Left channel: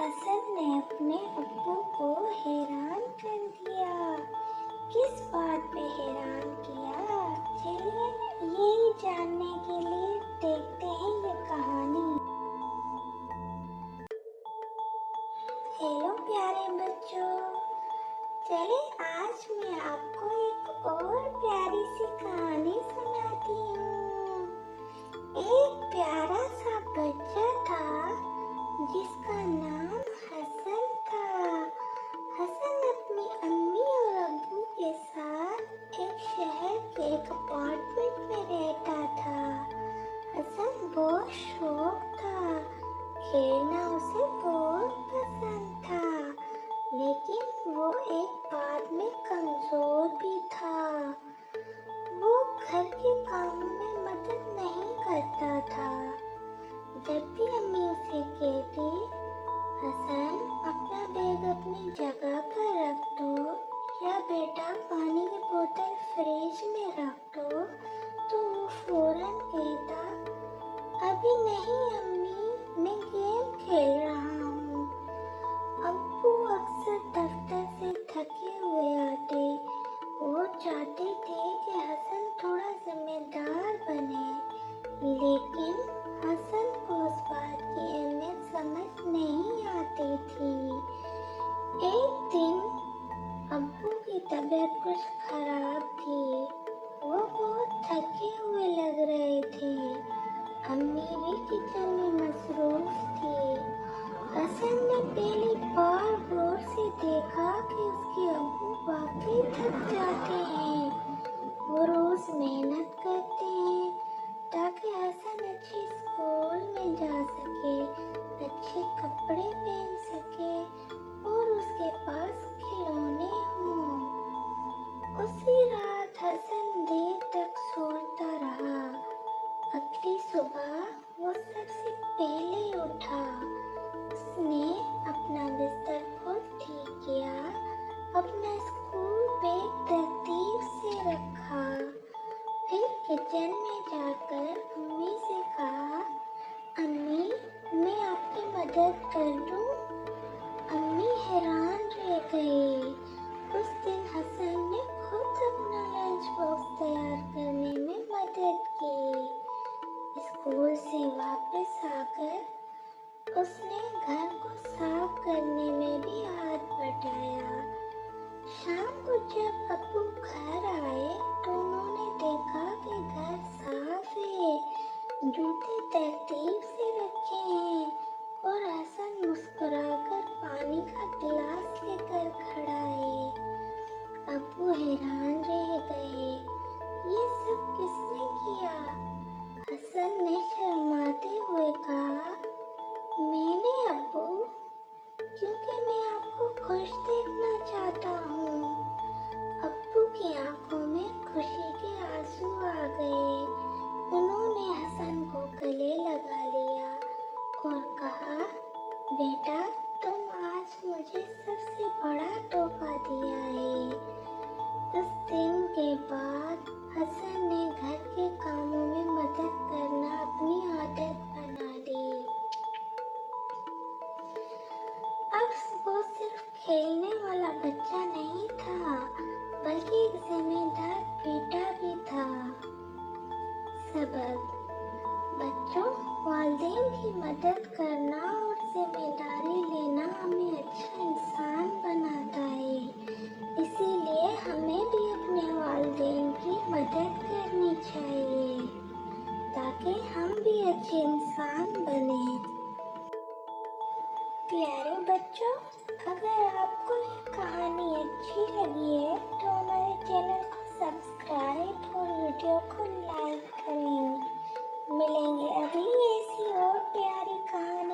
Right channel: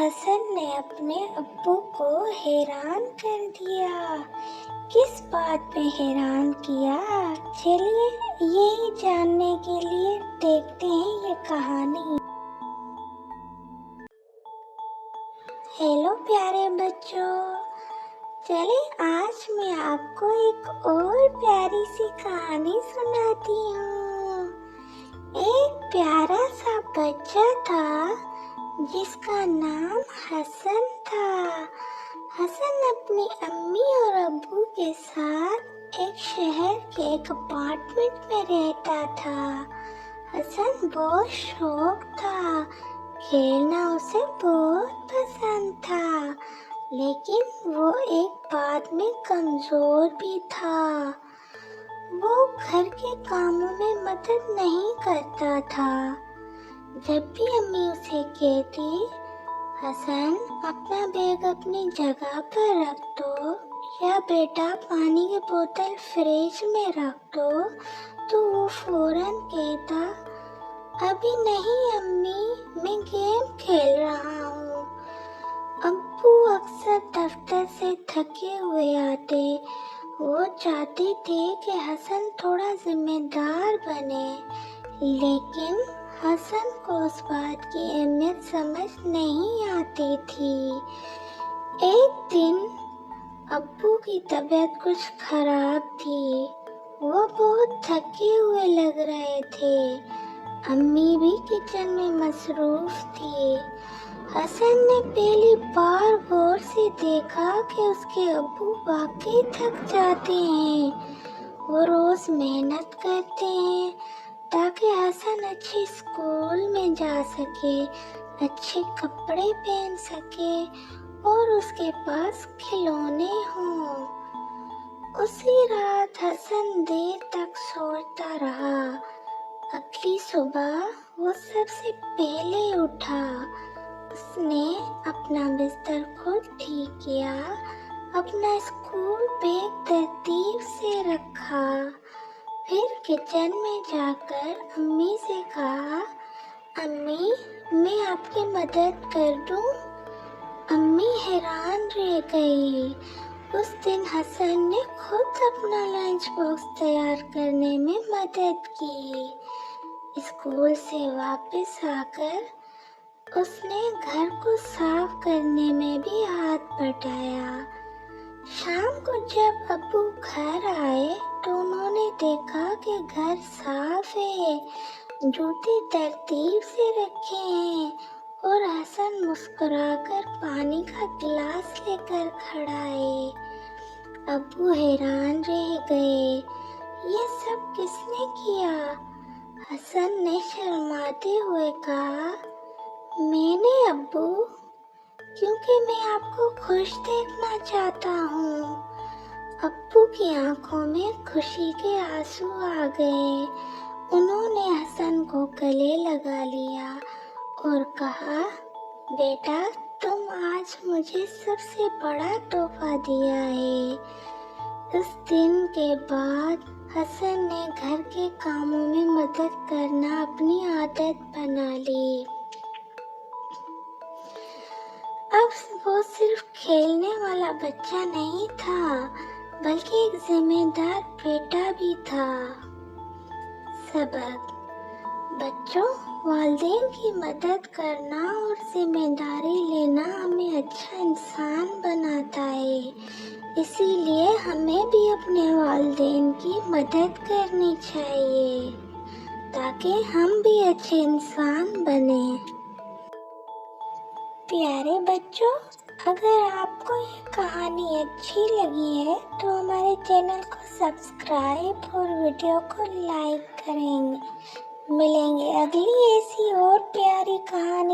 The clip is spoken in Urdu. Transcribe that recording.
حسن نے اپنے ابو کو حیران کر دیا۔ کس بات میں حیران کیا؟ چلیے یہی جاننے کے لیے دیکھتے ہیں یہ کہانی۔ ہیلو پیارے بچوں، چلیں آج میں آپ کو ایک اور پیاری سی کہانی سناتی ہوں۔ ایک پیارا سا بچہ تھا جس کا نام حسن تھا۔ حسن اپنی امی اور ابو کے ساتھ ایک شہر کے ایک اپارٹمنٹ میں رہتا تھا۔ حسن بہت شوق تھا، کھیلنا اسے بہت پسند تھا، لیکن وہ ایک بات میں کمزور بھی تھا۔ وہ گھر کے کاموں میں مدد نہیں کرتا تھا۔ جب بھی امی اسے کہتی، حسن اپنا بیگ اپنی جگہ پر رکھ دو، یا بیٹا پانی کی بوتل فریج میں رکھ دو، تو وہ فوراً کہتا، ابھی نہیں امی، میں گیم کھیل رہا ہوں۔ ابو اکثر دفتر سے تھکے ہوئے آتے۔ وہ چاہتے تھے کہ حسن تھوڑا ذمہ دار بنے، لیکن حسن کو اس بات کی اہمیت سمجھ نہیں آتی تھی۔ ایک دن ابو کی طبیعت کچھ خراب تھی۔ وہ بہت تھکے ہوئے لگ رہے تھے۔ امی بھی کچن میں مصروف تھی۔ حسن نے پہلی بار غور سے دیکھا کہ اس کے ابو واقعی تھک جاتے ہیں۔ وہ روز محنت کرتے ہیں تاکہ حسن اچھی اسکول میں جا سکے، اچھے کپڑے پہن سکے اور اس کے پاس کھلونے ہوں۔ اسی رات حسن دیر تک سوچتا رہا۔ اگلی صبح وہ سب سے پہلے اٹھا۔ اس نے اپنا بستر خود ٹھیک کیا، اپنا اسکول بیگ ترتیب سے رکھا، پھر کچن میں جا کر امی سے کہا، امی میں آپ کی مدد کر دوں؟ امی حیران رہ گئی۔ اس دن حسن نے خود اپنا لنچ باکس تیار کرنے میں مدد کی۔ اسکول سے واپس آ کر اس نے گھر کو صاف کرنے میں بھی ہاتھ بٹایا۔ شام کو جب ابو گھر آئے تو انہوں نے دیکھا کہ گھر صاف ہے، جوتے ترتیب سے رکھے ہیں اور حسن مسکرا کر پانی کا گلاس لے کر کھڑا ہے۔ ابو حیران رہ گئے، یہ سب کس نے کیا؟ حسن نے شرماتے ہوئے کہا، میں نے ابو، کیونکہ میں آپ کو خوش دیکھنا چاہتا ہوں۔ ابو کی آنکھوں میں خوشی کے آنسو آ گئے۔ انہوں نے حسن کو گلے لگا لیا اور کہا، بیٹا تم آج مجھے سب سے بڑا تحفہ دیا ہے۔ اس دن کے بعد حسن نے گھر کے کاموں میں مدد کرنا اپنی عادت بنا لی۔ اب وہ صرف کھیلنے والا بچہ نہیں تھا، بلکہ ایک ذمہ دار بیٹا بھی تھا۔ سبق: بچوں، والدین کی مدد کرنا اور ذمہ داری لینا ہمیں اچھا انسان بناتا ہے۔ اسی لیے ہمیں بھی اپنے والدین کی مدد کرنی چاہیے تاکہ ہم بھی اچھے انسان بنیں۔ پیارے بچوں، اگر آپ کو یہ کہانی اچھی لگی ہے تو ہمارے چینل کو سبسکرائب اور ویڈیو کو لائک کریں گے۔ ملیں گے اگلی ایسی اور پیاری کہانی